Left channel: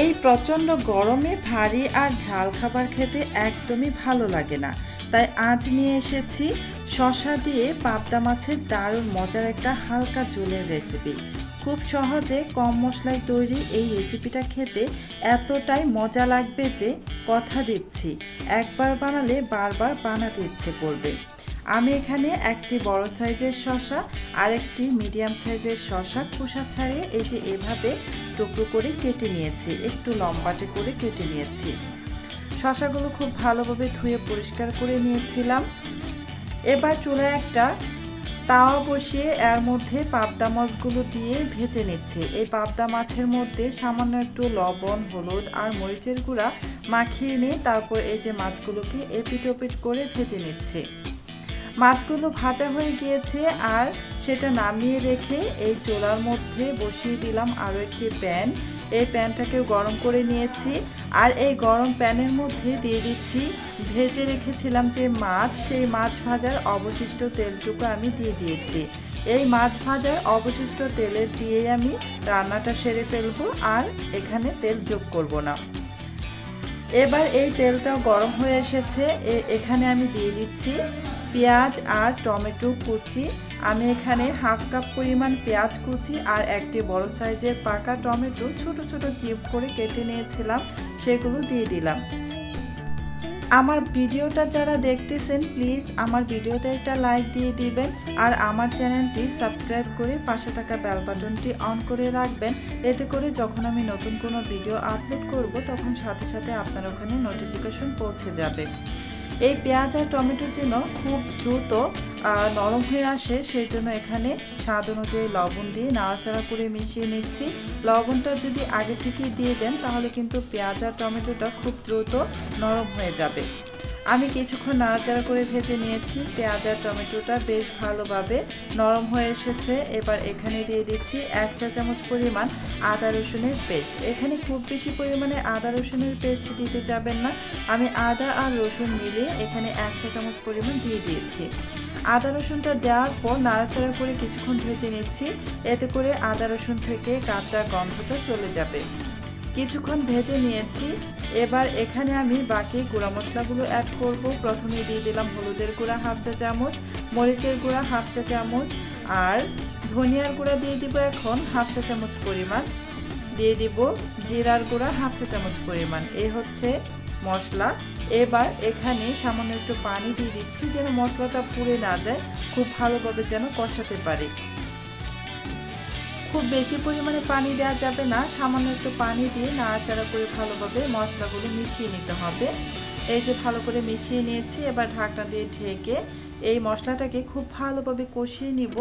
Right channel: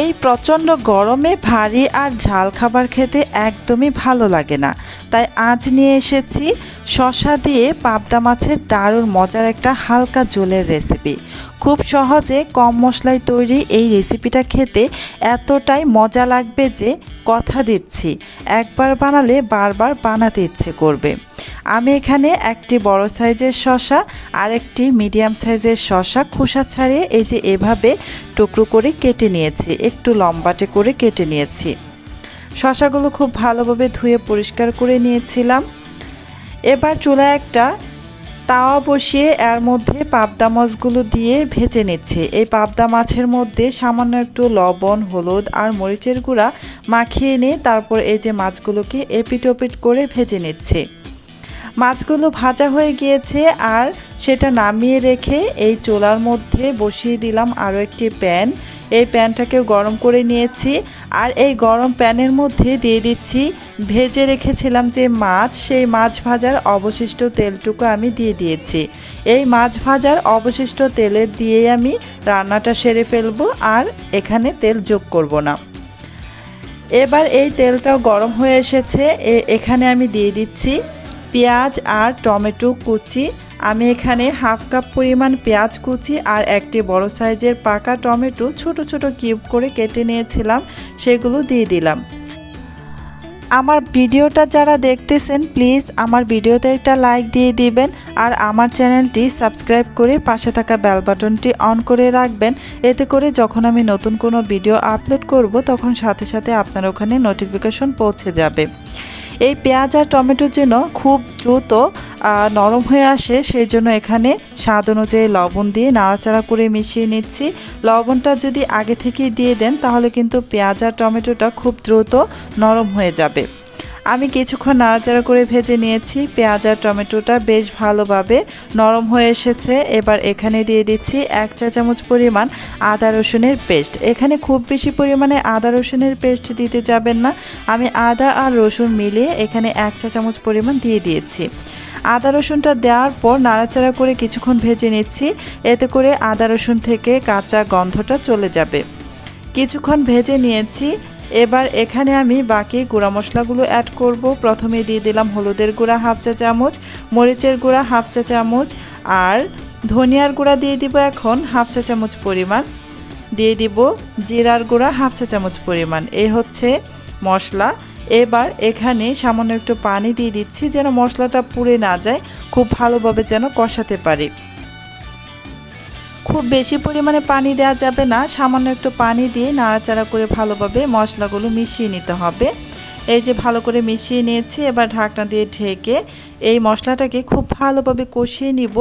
এই প্রচণ্ড গরমে ভারী আর ঝাল খাবার খেতে একদমই ভালো লাগে না, তাই আজ নিয়ে এসেছি শসা দিয়ে পাবদা মাছের দারুণ মজার একটা হালকা ঝোলের রেসিপি। খুব সহজে কম মশলায় তৈরি এই রেসিপিটা খেতে এতটাই মজা লাগবে যে কথা দিচ্ছি একবার বানালে বারবার বানাতে ইচ্ছে করবে। আমি এখানে একটি বড় সাইজের শসা আর একটি মিডিয়াম সাইজের শসা খোসা ছাড়িয়ে এই যে এভাবে টুকরো করে কেটে নিয়েছি, একটু লম্বাটে করে কেটে নিয়েছি। শসাগুলো খুব ভালোভাবে ধুয়ে পরিষ্কার করে নিয়েছিলাম। এবার চুলায় একটা তাওয়া বসিয়ে এর মধ্যে পাবদা মাছগুলো দিয়ে ভেজে নিচ্ছে। এই পাবদা মাছের মধ্যে সামান্য একটু লবণ, হলুদ আর মরিচের গুঁড়া মাখিয়ে নিয়ে তারপর এই যে মাছগুলোকে এপিট ওপিট করে ভেজে নিচ্ছে। মাছগুলো ভাজা হয়ে গিয়েছে আর সেটা নামিয়ে রেখে এই চুলার মধ্যে বসিয়ে দিলাম আরও একটি প্যান। এই প্যানটাকেও গরম করে নিয়েছি আর এই গরম প্যানের মধ্যে দিয়ে দিচ্ছি ভেজে রেখেছিলাম যে মাছ, সেই মাছ ভাজার অবশিষ্ট তেলটুকু আমি দিয়ে দিয়েছি। এই মাছ ভাজার অবশিষ্ট তেলের দিয়েই আমি রান্নাটা সেরে ফেলবো আর এখানে তেল যোগ করব না। এবার এই তেলটাও গরম হয়ে এসেছে, এখানে আমি দিয়ে দিচ্ছি পেঁয়াজ আর টমেটো কুচি। আমি এখানে হাফ কাপ পরিমাণ পেঁয়াজ কুচি আর একটি বড় সাইজের পাকা টমেটো ছোট ছোট কিউব করে কেটে নিয়েছিলাম, সেগুলো দিয়ে দিলাম। আমার ভিডিওটা যারা দেখতেছেন প্লিজ আমার ভিডিওতে একটা লাইক দিয়ে দিবেন আর আমার চ্যানেলটি সাবস্ক্রাইব করে পাশে থাকা বেল বাটনটি অন করে রাখবেন। এতে করে যখন আমি নতুন কোনো ভিডিও আপলোড করব তখন সাথে সাথে আপনার ওখানে নোটিফিকেশন পৌঁছে যাবে। এই পেঁয়াজ আর টমেটোর জন্য খুব দ্রুত নরম হয়ে আসে, সেই জন্য এখানে স্বাদ অনুযায়ী লবণ দিয়ে নাড়াচাড়া করে মিশিয়ে নিচ্ছি। লবণটা যদি আগে থেকেই দিয়ে দেন তাহলে কিন্তু পেঁয়াজ আর টমেটোটা খুব দ্রুত নরম হয়ে যাবে। আমি কিছুক্ষণ নাড়াচাড়া করে ভেজে নিয়েছি, পেঁয়াজ আর টমেটোটা বেশ ভালোভাবে নরম হয়ে এসেছে। এবার এখানে দিয়ে দিচ্ছি 1 চা চামচ পরিমাণ আদা রসুনের পেস্ট। এখানে খুব বেশি পরিমাণে আদা রসুনের পেস্ট দিতে যাবেন না, আমি আদা আর রসুন মিলিয়ে এখানে 1 চা চামচ পরিমাণ দিয়ে দিয়েছি। আদা রসুনটা দেওয়ার পর নাড়াচাড়া করে কিছুক্ষণ ভেজে নিচ্ছি, এতে করে আদা রসুন থেকে কাঁচা গন্ধটা চলে যাবে। কিছুক্ষণ ভেজে নিয়েছি। এবার এখানে আমি বাকি গুঁড়া মশলাগুলো অ্যাড করব। প্রথমে দিয়ে দিলাম হলুদের গুঁড়া হাফ চা চামচ, মরিচের গুঁড়া হাফ চা চামচ আর ধনিয়ার গুঁড়া দিয়ে দিব এখন হাফ চা চামচ পরিমাণ, দিয়ে দিব জিরার গুঁড়া হাফ চা চামচ পরিমাণ। এই হচ্ছে মশলা। এবার এখানে সামান্য একটু পানি দিয়ে দিচ্ছি যেন মশলাটা পুড়ে না যায়, খুব ভালোভাবে যেন কষাতে পারি। খুব বেশি পরিমাণে পানি দেওয়া যাবে না, সামান্য একটু পানি দিয়ে নাড়াচাড়া করে ভালোভাবে মশলাগুলো মিশিয়ে নিতে হবে। এই যে ভালো করে মিশিয়ে নিয়েছি, এবার ঢাকনা দিয়ে ঢেকে এই মশলাটাকে খুব ভালোভাবে কষিয়ে নিব।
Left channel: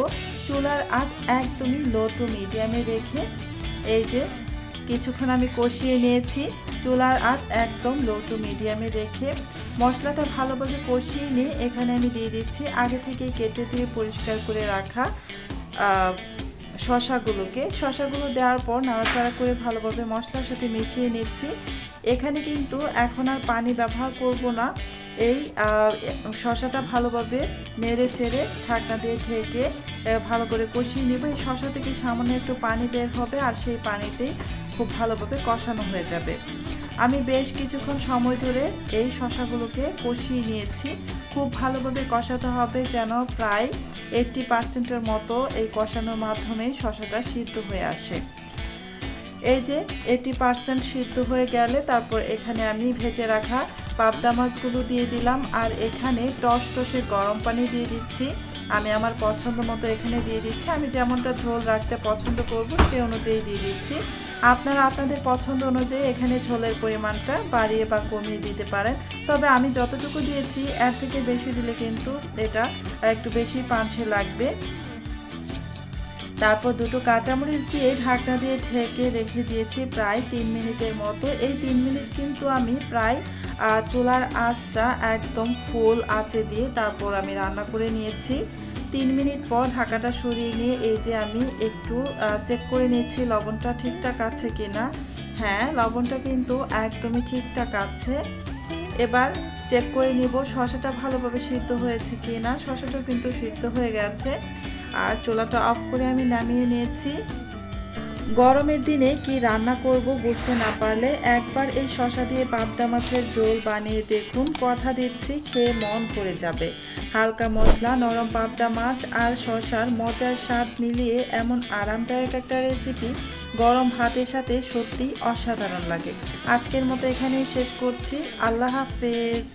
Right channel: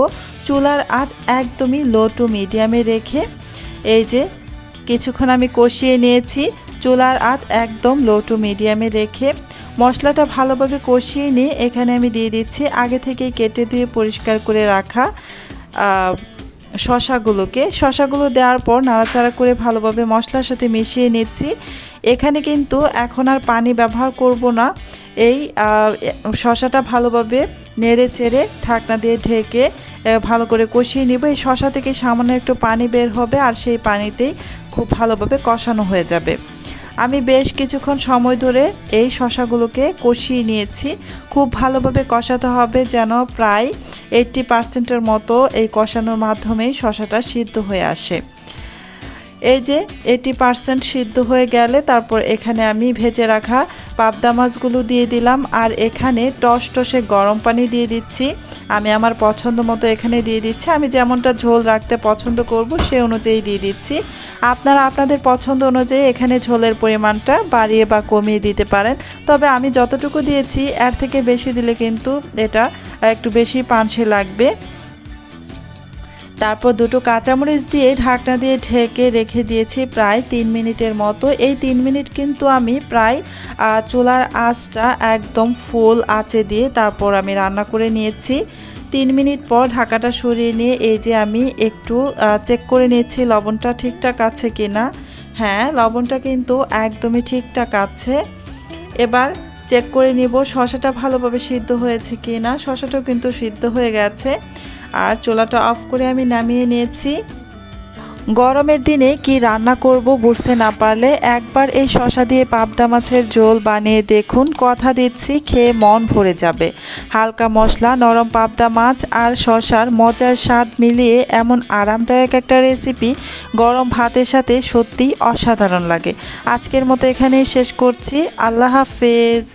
চুলার আঁচ একদমই লো টু মিডিয়ামে রেখে এই যে কিছুক্ষণ আমি কষিয়ে নিয়েছি। চুলার আঁচ একদম লো টু মিডিয়ামে রেখে মশলাটা ভালোভাবে কষিয়ে নিয়ে এখানে আমি দিয়ে দিচ্ছি আগে থেকেই কেটে ধুয়ে পরিষ্কার করে রাখা শসাগুলো দেওয়ার পর নাড়াচাড়া করে ভালোভাবে মশলার সাথে মিশিয়ে নিচ্ছি। এখানে কিন্তু এখন আর পানি ব্যবহার করব না, এই শসাটা ভালোভাবে নেড়ে চেড়ে ঢাকনা দিয়ে ঢেকে ভালো করে কষিয়ে নিব। এই শসা থেকে সামান্য একটু পানি বের হবে আর সেই পানিতেই খুব ভালোভাবে কষানো হয়ে যাবে। আমি বেশ কিছুক্ষণ সময় ধরে এই শসাগুলোকে কষিয়ে নিয়েছি। খুব ভালোভাবে কষাতে হবে যেন প্রায় 80% মতো এই কষানোর মাধ্যমেই শসাটা সিদ্ধ হয়ে আসে। এই যে 80% সিদ্ধ হয়ে গেলে তারপর এখানে আমি ভেজে রাখা পাবদা মাছগুলো দিয়ে দিলাম আর এখানে টসটসে গরম পানি দিয়ে দিচ্ছি। আমি আমার পছন্দ মতো এখানে দিয়ে দিচ্ছি, আমি যেমনটা ঝোল রাখতে পছন্দ করব সেই অনুযায়ী দিয়ে দিচ্ছি। আপনারা আপনাদের পছন্দ অনুযায়ী এখানে ঝোলের পরিমাণটা বাড়িয়ে বা কমিয়ে দিতে পারেন, তবে আমি যতটুকু দিয়েছি এর থেকে বেশি দিলে কিন্তু এটা একটু বেশি পানসে লাগবে। তারপর দুটো কাঁচামরিচ দিয়ে ঢাকনা দিয়ে ঢেকে রেখে দিয়েছি প্রায় 3 মিনিটের মতো। এই 3 মিনিট কিন্তু আমি প্রায় চুলার আঁচটা একদম ফুল আঁচে দিয়ে তারপর আমি রান্না করে নিয়েছি। 3 মিনিট পর ঢাকাটা সরিয়ে নিয়ে এই যে আমি একটু চেক করে নিয়েছি লবণটা ঠিকঠাক আছে কিনা। হ্যাঁ, লবণটা কিন্তু একদমই ঠিকঠাক আছে। এবার চেক করে নিব শসাটা ভালোভাবে সিদ্ধ হয়েছে কিনা। শসাটাও কিন্তু সিদ্ধ হয়ে গেছে আর চুলাটা অফ করে আমি নামিয়ে নিয়েছি। গরমের দিনে কি রান্না করব বুঝতে না পারলে একবার এই শসা দিয়ে পাবদা মাছের ঝোল বানিয়ে দেখুন, কথা দিচ্ছি খেয়ে মন ভরে যাবে। হালকা মশলা, নরম পাবদা মাছ আর শসার মজার স্বাদ মিলিয়ে এমন আরামদায়ক একটা রেসিপি গরম ভাতের সাথে সত্যিই অসাধারণ লাগে। আজকের মতো এখানেই শেষ করছি। আল্লাহ হাফেজ।